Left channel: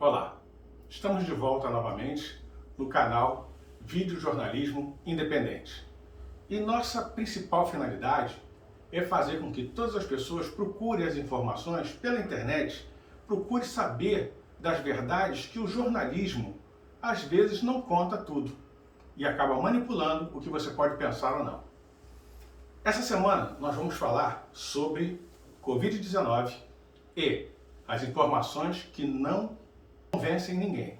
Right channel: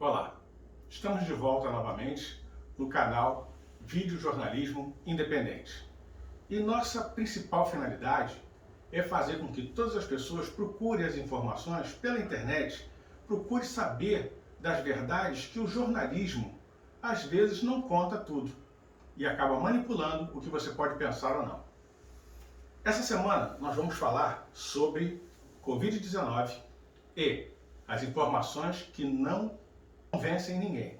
Olá, estamos de volta novamente no canal Vídeo Jornalismo Independente. E nossa principal finalidade é fazer com que todas as pessoas procurem as informações pela internet, procurem saber das verdades que o jornalismo às vezes não conta tudo e acaba manipulando o que você pode pensar ou não. Essa semana nós vamos falar sobre Covid-19 e as informações que não convencem ninguém.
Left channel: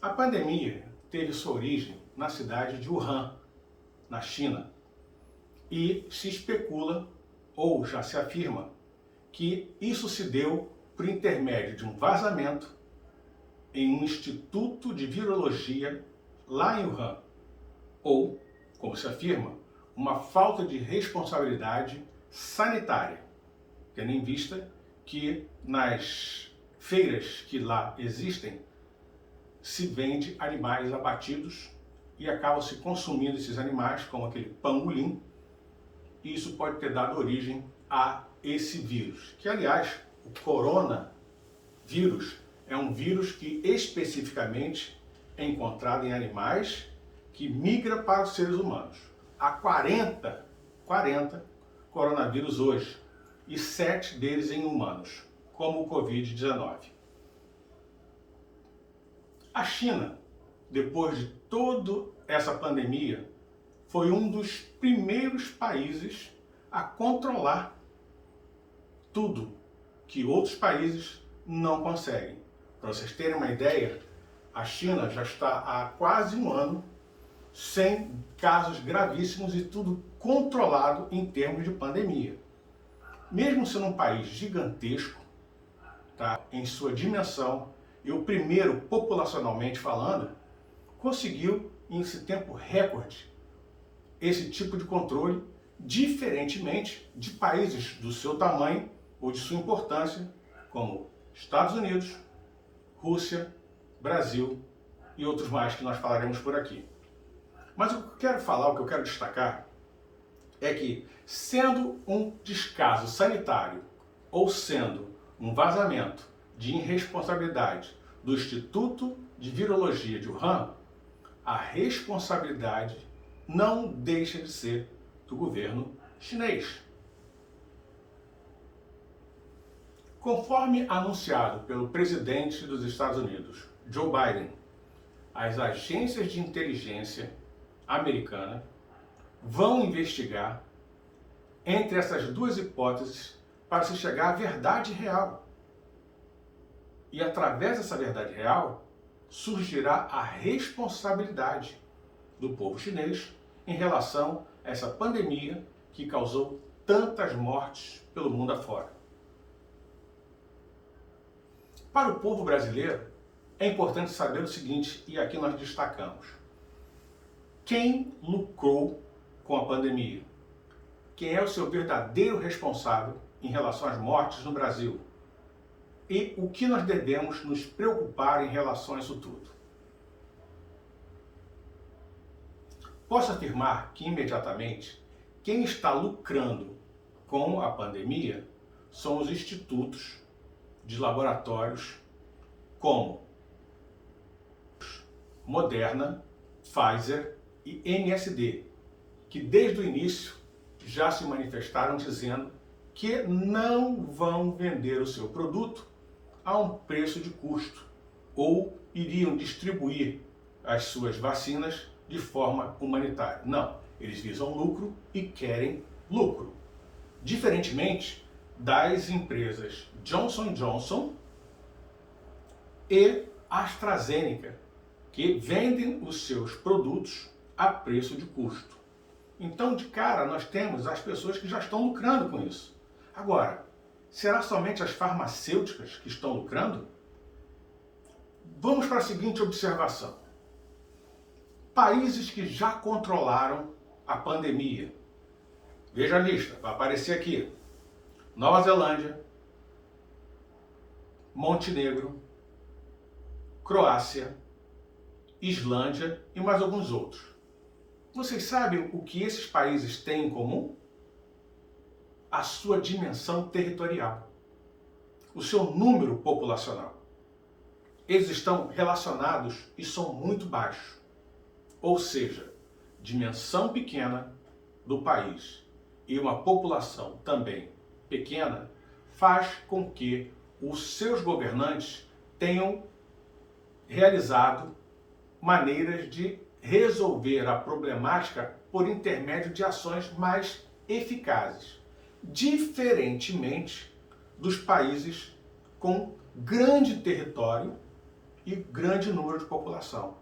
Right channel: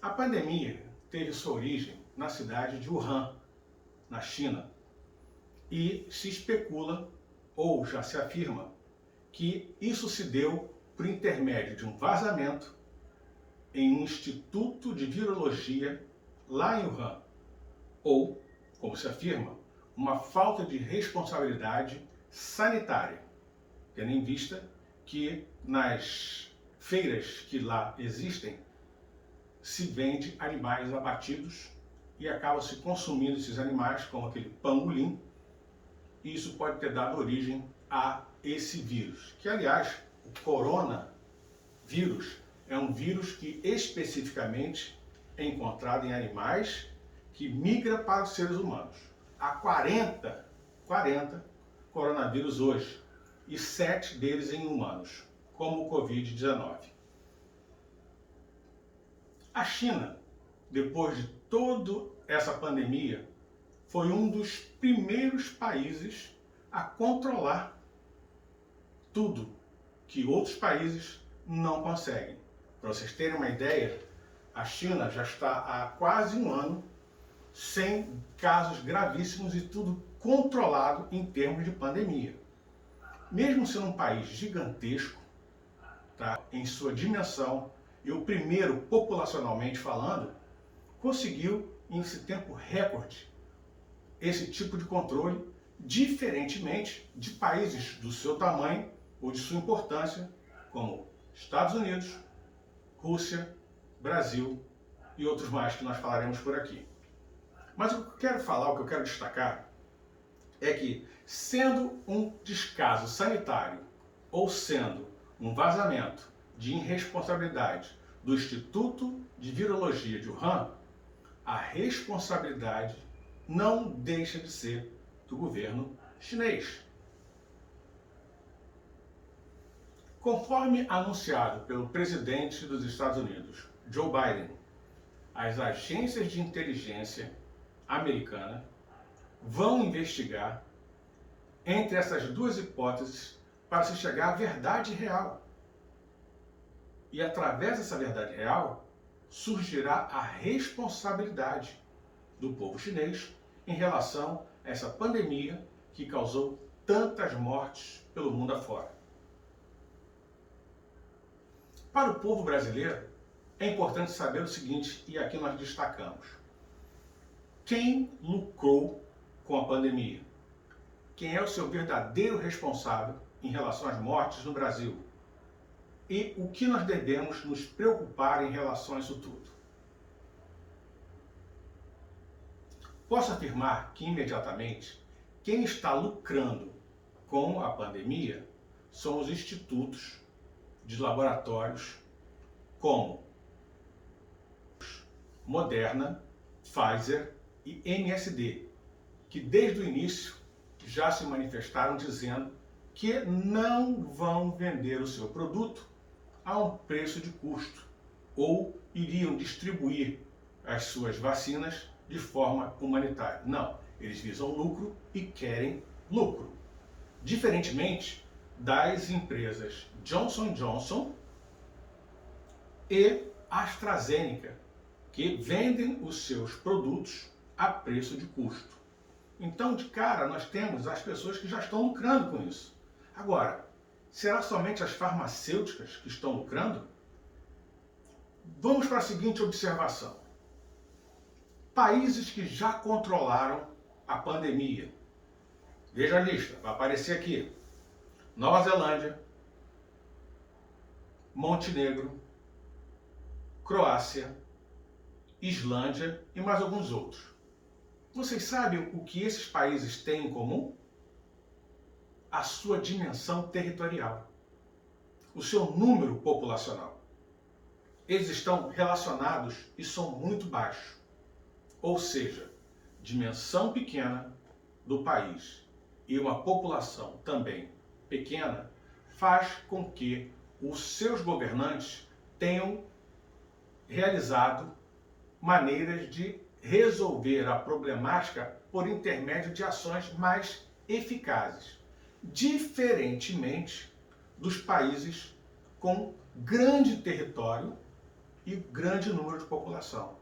A pandemia teve sua origem na cidade de Wuhan, na China, e se especula, ou já se afirma, que isso se deu por intermédio de um vazamento em um instituto de virologia lá em Wuhan, ou, como se afirma, uma falta de responsabilidade sanitária, tendo em vista que nas feiras que lá existem se vende animais abatidos e acabam se consumindo esses animais, como aquele pangolim, e isso pode ter dado origem a esse vírus, que aliás, o coronavírus é um vírus que especificamente é encontrado em animais que migra para os seres humanos. Há 40 coronavírus hoje, e 7 deles em humanos, como o Covid-19. A China, depois de toda essa pandemia, foi um dos primeiros países a controlar tudo que outros países não conseguem. Para vocês terem uma ideia, a China já está há quase um ano sem casos gravíssimos e tudo controlado em termos de pandemia. Mesmo sendo um país gigantesco, tá, em sua dimensão, e o primeiro, populacionalmente falando, conseguiu, em esse tempo recorde, esse tipo de controle, diferentemente de países do seu tamanho ou de sua importância, como Estados Unidos, Rússia, Brasil e outros mais que nós falaremos por aqui. Mas o que eu quero falar, o que eu quero destacar, é que, sendo um descaso sanitário ou sendo um vazamento de irresponsabilidade do Instituto de Virologia de Wuhan, a responsabilidade não deixa de ser do governo chinês. Conforme anunciado pelo presidente dos Estados Unidos, Joe Biden, as agências de inteligência americanas vão investigar entre essas duas hipóteses para se chegar à verdade real. E através dessa verdade real, surgirá a responsabilidade do povo chinês em relação a essa pandemia que causou tantas mortes pelo mundo afora. Para o povo brasileiro, é importante saber o seguinte, e aqui nós destacamos: quem lucrou com a pandemia? Quem é o seu verdadeiro responsável em relação às mortes no Brasil? E o que nós devemos nos preocupar em relação a isso tudo? Posso afirmar que, imediatamente, quem está lucrando com a pandemia são os institutos de laboratórios como Moderna, Pfizer e MSD, que desde o início já se manifestaram dizendo que não vão vender o seu produto a um preço de custo ou iriam distribuir as suas vacinas de forma humanitária. Não, Eles visam lucro e querem lucro. Diferentemente das empresas Johnson & Johnson e AstraZeneca, que vendem os seus produtos a preço de custo. Então, de cara, nós temos as pessoas que já estão lucrando com isso. Agora, será somente as farmacêuticas que estão lucrando? Vamos para a seguinte observação. Países que já controlaram a pandemia. Veja a lista, vai aparecer aqui. Nova Zelândia, Montenegro, Croácia, Islândia e mais alguns outros. Vocês sabem o que esses países têm em comum? A sua dimensão territorial, o seu número populacional. Eles estão relacionados e são muito baixos. Ou seja, dimensão pequena do país e uma população também pequena faz com que os seus governantes tenham realizado maneiras de resolver a problemática por intermédio de ações mais eficazes, diferentemente dos países com grande território e grande número de população.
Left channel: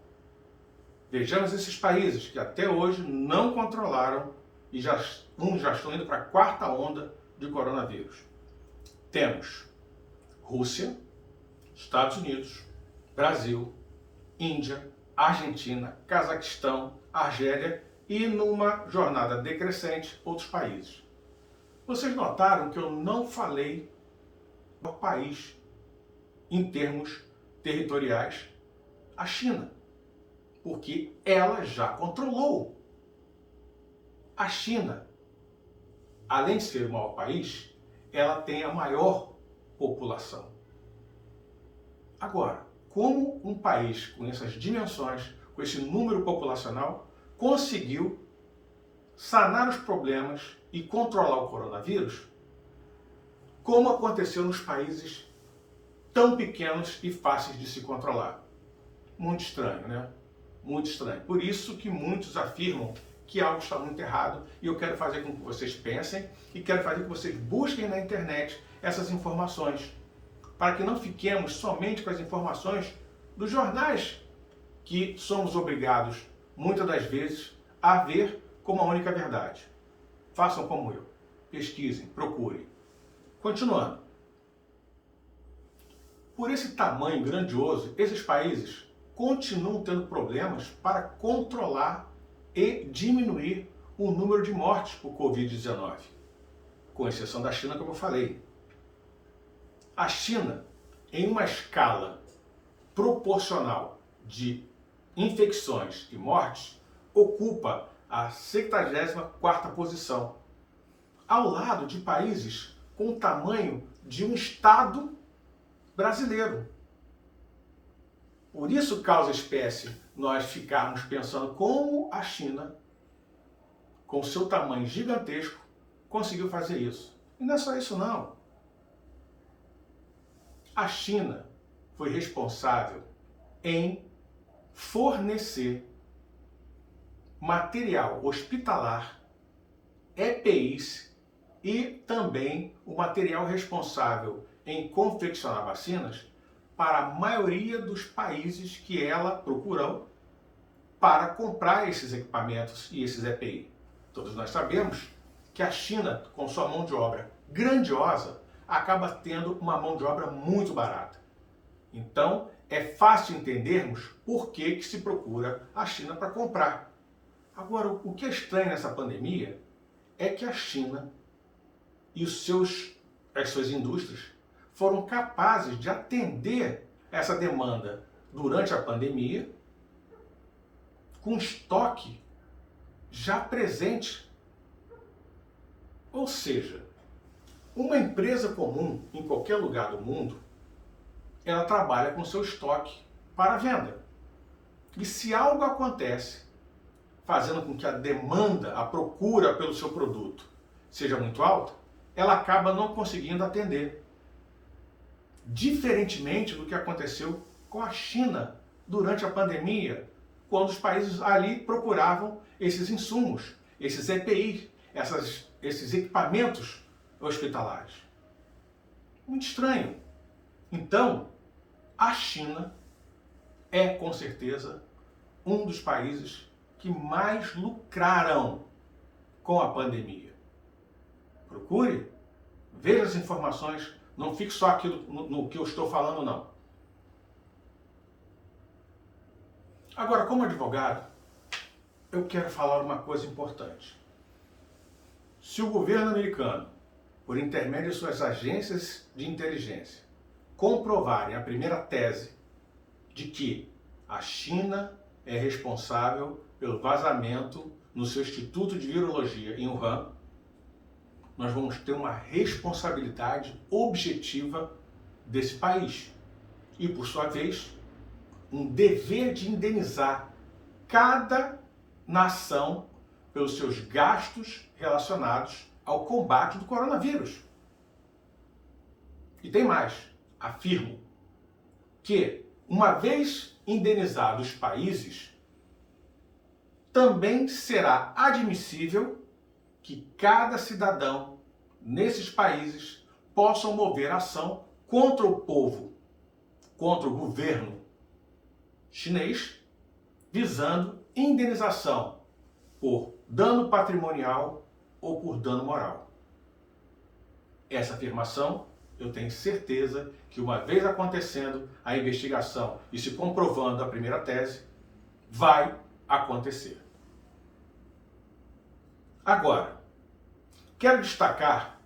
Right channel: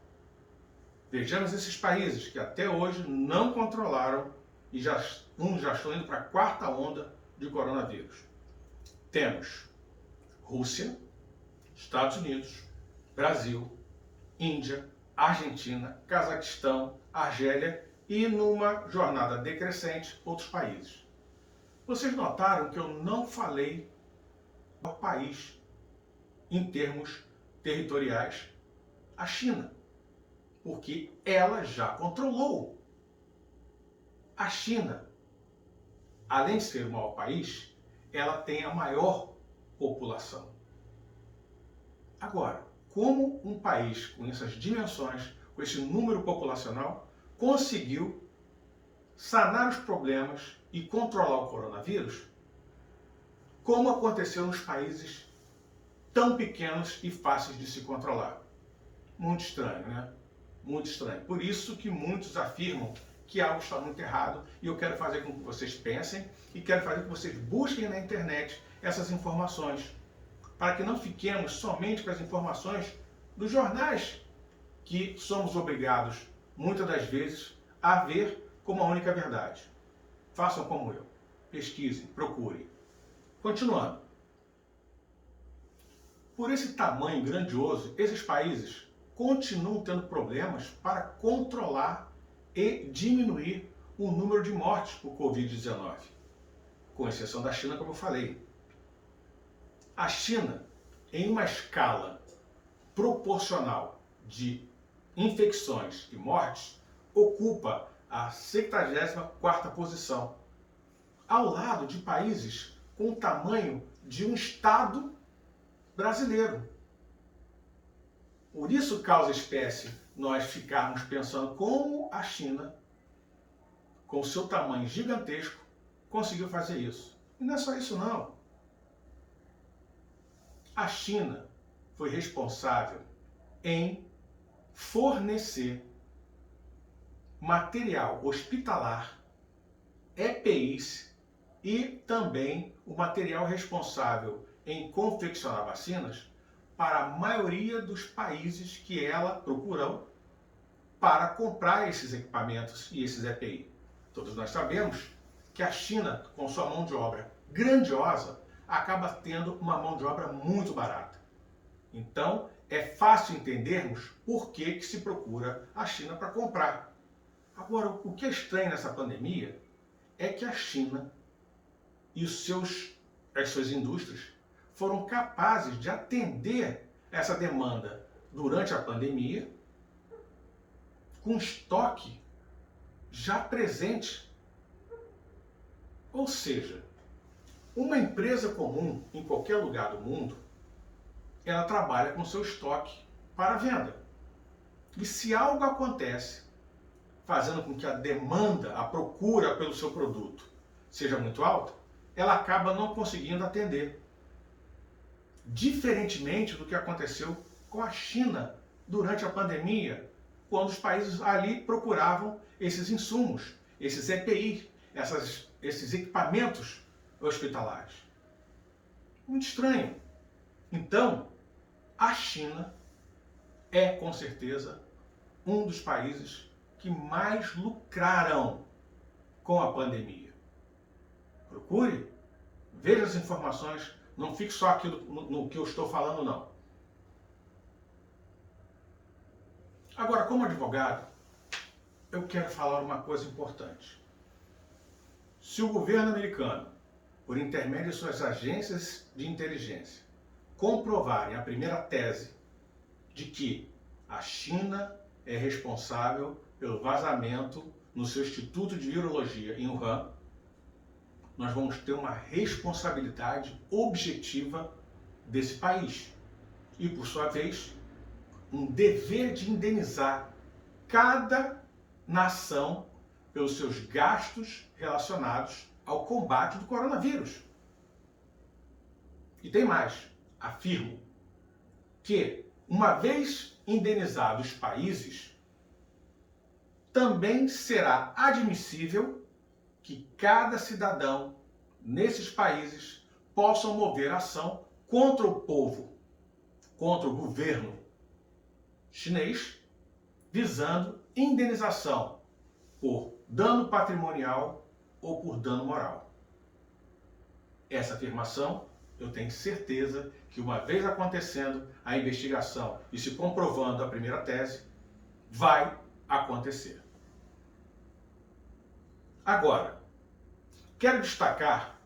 Vejamos esses países que até hoje não controlaram e já estão indo para a quarta onda de coronavírus. Temos Rússia, Estados Unidos, Brasil, Índia, Argentina, Cazaquistão, Argélia e, numa jornada decrescente, outros países. Vocês notaram que eu não falei do país em termos territoriais, a China, porque ela já controlou. A China, além de ser o maior país, ela tem a maior população. Agora, como um país com essas dimensões, com esse número populacional, conseguiu sanar os problemas e controlar o coronavírus, como aconteceu nos países tão pequenos e fáceis de se controlar? Muito estranho, né? Muito estranho. Por isso que muitos afirmam que algo está muito errado e eu quero fazer com que vocês pensem e quero fazer com que vocês busquem na internet essas informações, para que não fiquemos somente com as informações dos jornais que somos obrigados, muitas das vezes, a ver como a única verdade. Façam como eu. Pesquisem, procurem. Continuando. Por esse tamanho grandioso, esses países continuam tendo problemas para controlar e diminuir o número de mortes por Covid-19, com exceção da China, como eu falei. A China, em uma escala proporcional de infecções e mortes, ocupa a 74ª posição, ao lado de países com o tamanho de um estado brasileiro. Por isso causa espécie nós ficarmos pensando como a China, com o seu tamanho gigantesco, conseguiu fazer isso. E não é só isso não. A China foi responsável em fornecer material hospitalar, EPIs e também o material responsável em confeccionar vacinas para a maioria dos países que ela procurou para comprar esses equipamentos e esses EPI. Todos nós sabemos que a China, com sua mão de obra grandiosa, acaba tendo uma mão de obra muito barata. Então, é fácil entendermos por que se procura a China para comprar. Agora, o que é estranho nessa pandemia é que a China e as suas indústrias foram capazes de atender essa demanda durante a pandemia com estoque já presente. Ou seja, uma empresa comum em qualquer lugar do mundo, ela trabalha com seu estoque para venda. E se algo acontece, fazendo com que a demanda, a procura pelo seu produto seja muito alta, ela acaba não conseguindo atender. Diferentemente do que aconteceu com a China durante a pandemia, quando os países ali procuravam esses insumos esses EPIs, esses equipamentos hospitalares. Muito estranho. Então, a China é, com certeza, um dos países que mais lucraram com a pandemia. Procure, veja as informações, não fique só aquilo no que eu estou falando, não. Agora, como advogado, eu quero falar uma coisa importante. Se o governo americano, por intermédio de suas agências de inteligência, comprovarem a primeira tese de que a China é responsável pelo vazamento no seu Instituto de Virologia em Wuhan, nós vamos ter uma responsabilidade objetiva desse país. E, por sua vez, um dever de indenizar cada nação pelos seus gastos relacionados ao combate do coronavírus. E tem mais, afirmo que, uma vez indenizados os países, também será admissível que cada cidadão nesses países possam mover ação contra o povo, contra o governo chinês, visando indenização por dano patrimonial ou por dano moral. Essa afirmação, eu tenho certeza que, uma vez acontecendo a investigação e se comprovando a primeira tese, vai acontecer. Agora, quero destacar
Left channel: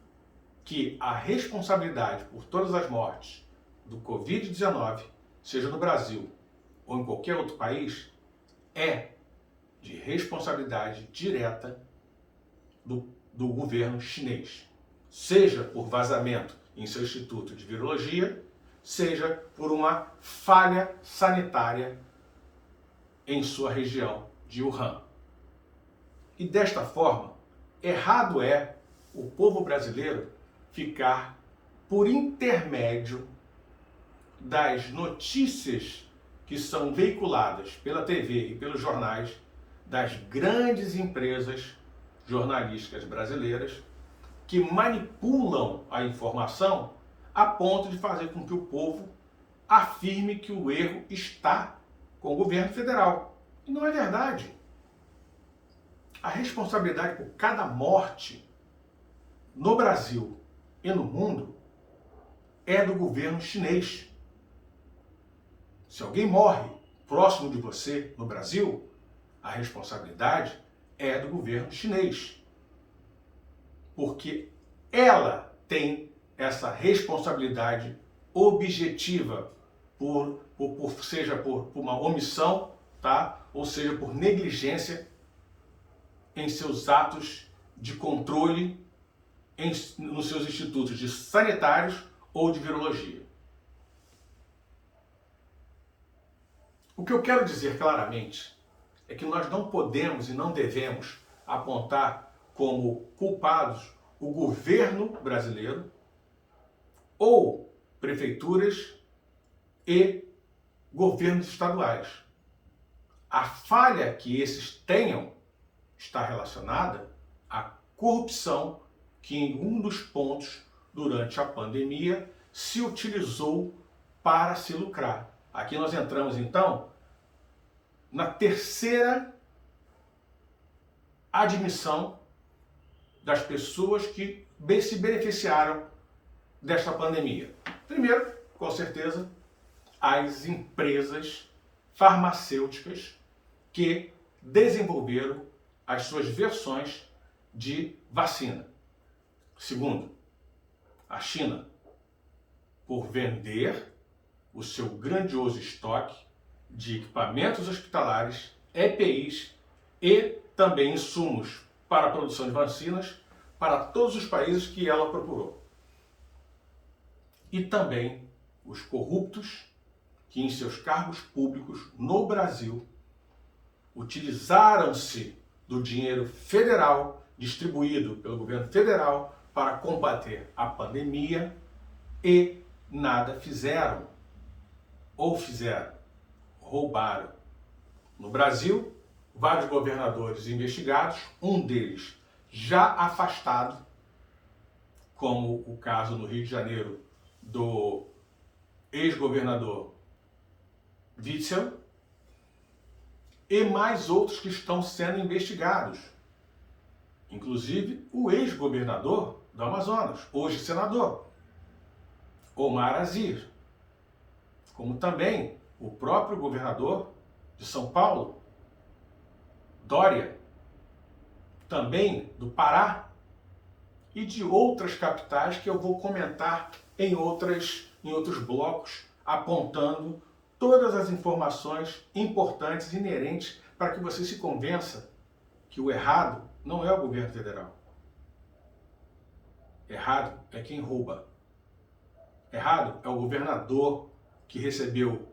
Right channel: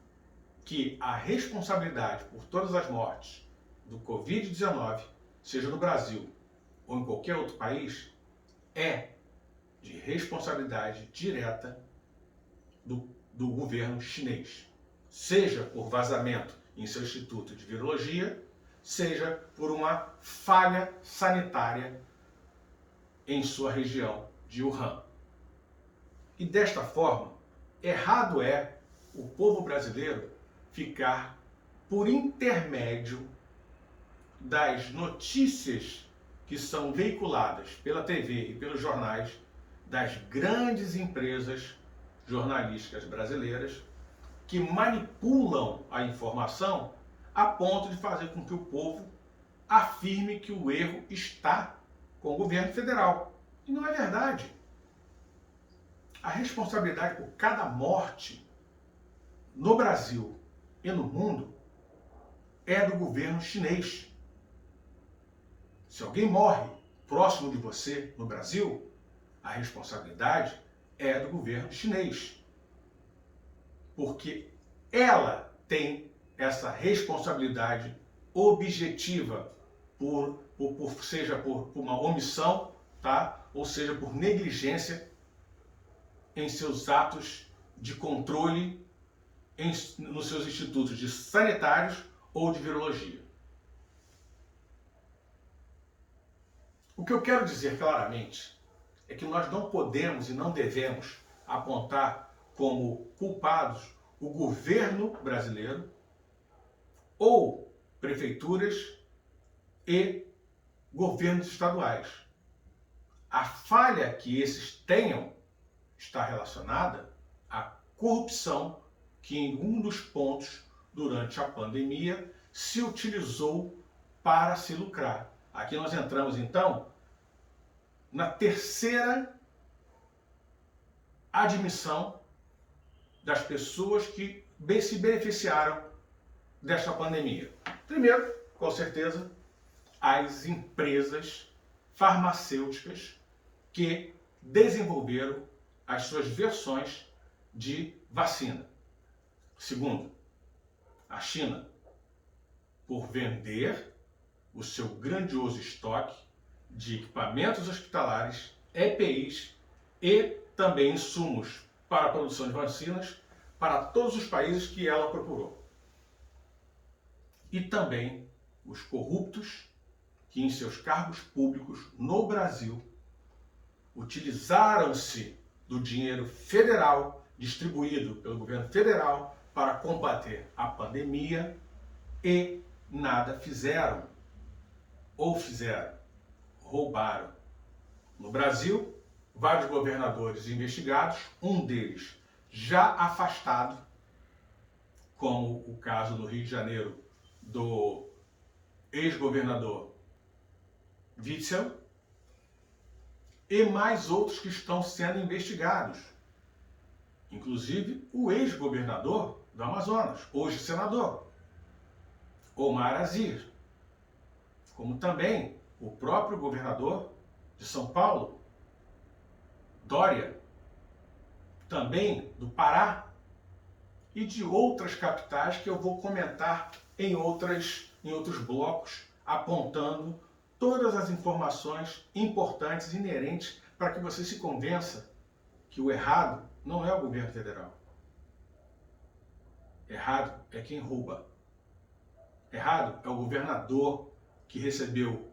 que a responsabilidade por todas as mortes do Covid-19, seja no Brasil ou em qualquer outro país, é de responsabilidade direta do governo chinês. Seja por vazamento em seu Instituto de Virologia, seja por uma falha sanitária em sua região de Wuhan. E desta forma, errado é o povo brasileiro ficar por intermédio das notícias que são veiculadas pela TV e pelos jornais das grandes empresas jornalísticas brasileiras que manipulam a informação a ponto de fazer com que o povo afirme que o erro está com o governo federal. E não é verdade. A responsabilidade por cada morte no Brasil e no mundo é do governo chinês. Se alguém morre próximo de você no Brasil, a responsabilidade é do governo chinês. Porque ela tem essa responsabilidade objetiva, seja por uma omissão, tá? Ou seja, por negligência em seus atos de controle nos seus institutos de sanitários ou de virologia. O que eu quero dizer claramente é que nós não podemos e não devemos apontar como culpados o governo brasileiro ou prefeituras e governos estaduais. A falha que esses tenham está relacionada à corrupção que, em um dos pontos durante a pandemia, se utilizou para se lucrar. Aqui nós entramos, então, na terceira admissão das pessoas que se beneficiaram desta pandemia. Primeiro, com certeza, as empresas farmacêuticas que desenvolveram as suas versões de vacina. Segundo, a China, por vender o seu grandioso estoque de equipamentos hospitalares, EPIs e também insumos para a produção de vacinas para todos os países que ela procurou. E também os corruptos que, em seus cargos públicos no Brasil, utilizaram-se do dinheiro federal distribuído pelo governo federal para combater a pandemia e nada fizeram. Ou fizeram, roubaram. No Brasil, vários governadores investigados, um deles já afastado, como o caso no Rio de Janeiro do ex-governador Witzel, e mais outros que estão sendo investigados. Inclusive o ex-governador do Amazonas, hoje senador, Omar Aziz, como também o próprio governador de São Paulo, Dória, também do Pará e de outras capitais que eu vou comentar em outros blocos, apontando todas as informações importantes inerentes para que você se convença que o errado não é o governo federal. Errado é quem rouba. Errado é o governador que recebeu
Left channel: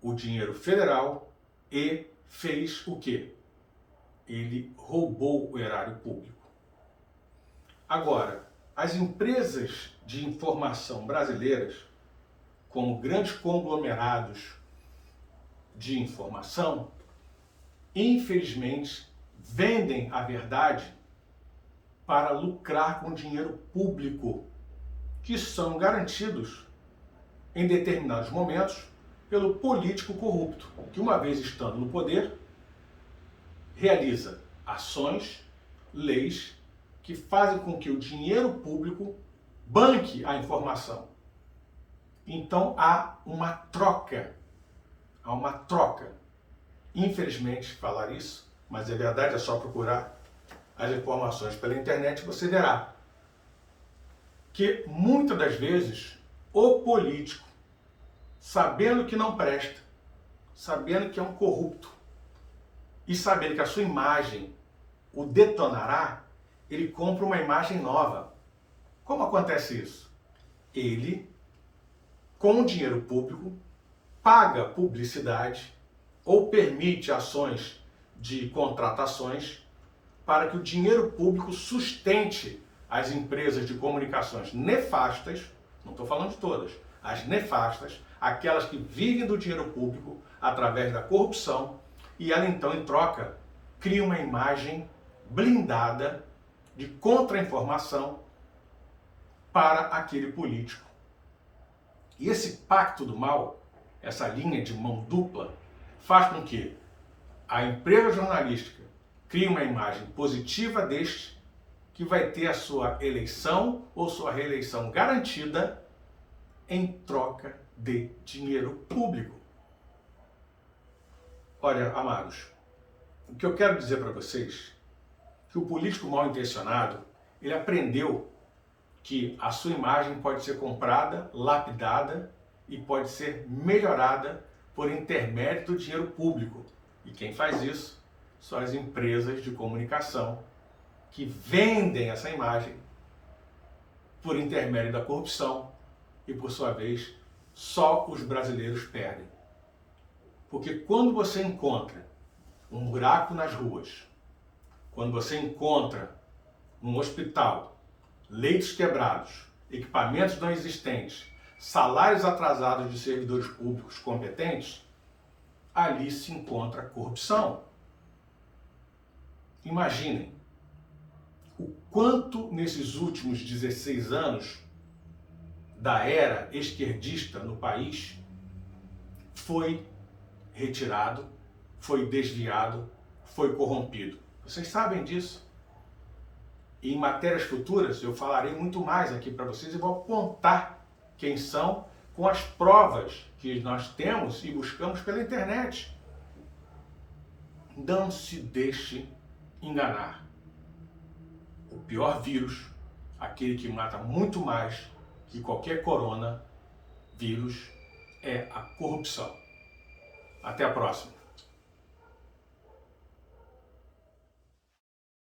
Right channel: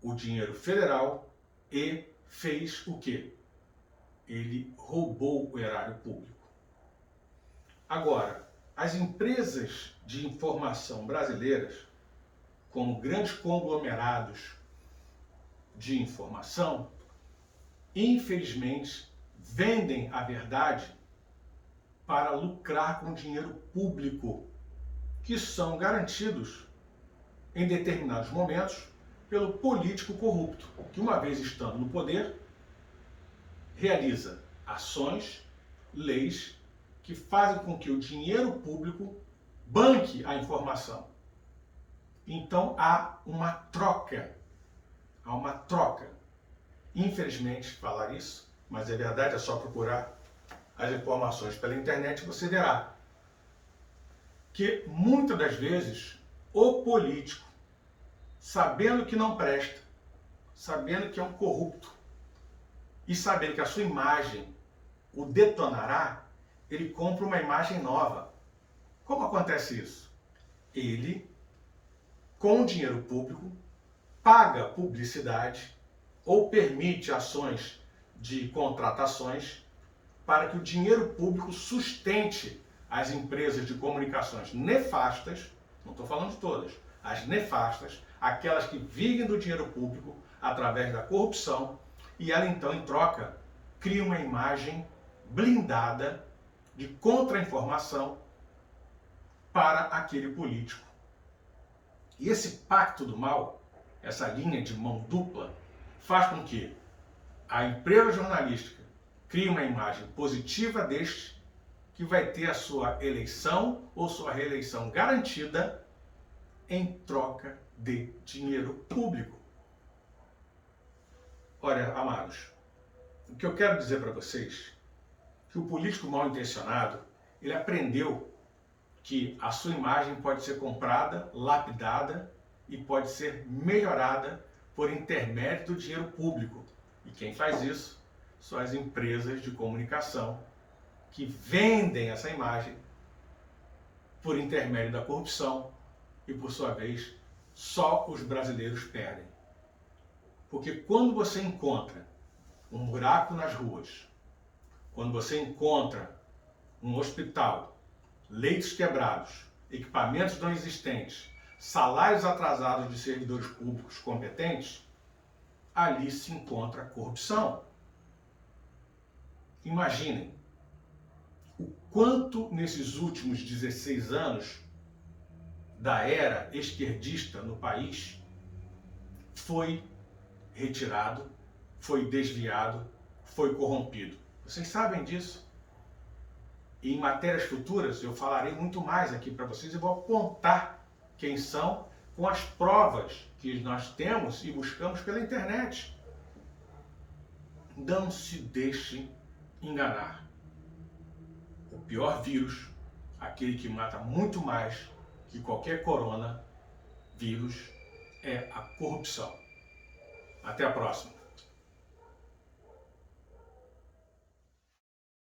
o dinheiro federal e fez o quê? Ele roubou o erário público. Agora, as empresas de informação brasileiras, como grandes conglomerados de informação, infelizmente, vendem a verdade para lucrar com dinheiro público, que são garantidos em determinados momentos pelo político corrupto, que uma vez estando no poder, realiza ações, leis que fazem com que o dinheiro público banque a informação. Então há uma troca. Há uma troca. Infelizmente, falar isso, mas é verdade, é só procurar as informações pela internet, você verá que muitas das vezes o político, sabendo que não presta, sabendo que é um corrupto e sabendo que a sua imagem o detonará, ele compra uma imagem nova. Como acontece isso? Ele, com o dinheiro público, paga publicidade ou permite ações de contratações para que o dinheiro público sustente as empresas de comunicações nefastas, não estou falando de todas, as nefastas, aquelas que vivem do dinheiro público através da corrupção, e ela então, em troca, cria uma imagem blindada de contra-informação para aquele político. E esse pacto do mal, essa linha de mão dupla, faz com que a empresa jornalística crie uma imagem positiva deste, que vai ter a sua eleição ou sua reeleição garantida em troca de dinheiro público. Olha, amados, o que eu quero dizer para vocês é que o político mal intencionado, ele aprendeu que a sua imagem pode ser comprada, lapidada e pode ser melhorada por intermédio do dinheiro público. E quem faz isso são as empresas de comunicação que vendem essa imagem por intermédio da corrupção e, por sua vez, só os brasileiros perdem. Porque quando você encontra um buraco nas ruas, quando você encontra um hospital, leitos quebrados, equipamentos não existentes, salários atrasados de servidores públicos competentes, ali se encontra corrupção. Imaginem o quanto nesses últimos 16 anos da era esquerdista no país foi retirado, foi desviado, foi corrompido. Vocês sabem disso. E em matérias futuras eu falarei muito mais aqui para vocês e vou apontar quem são com as provas que nós temos e buscamos pela internet. Não se deixe enganar. O pior vírus, aquele que mata muito mais que qualquer coronavírus, é a corrupção. Até a próxima.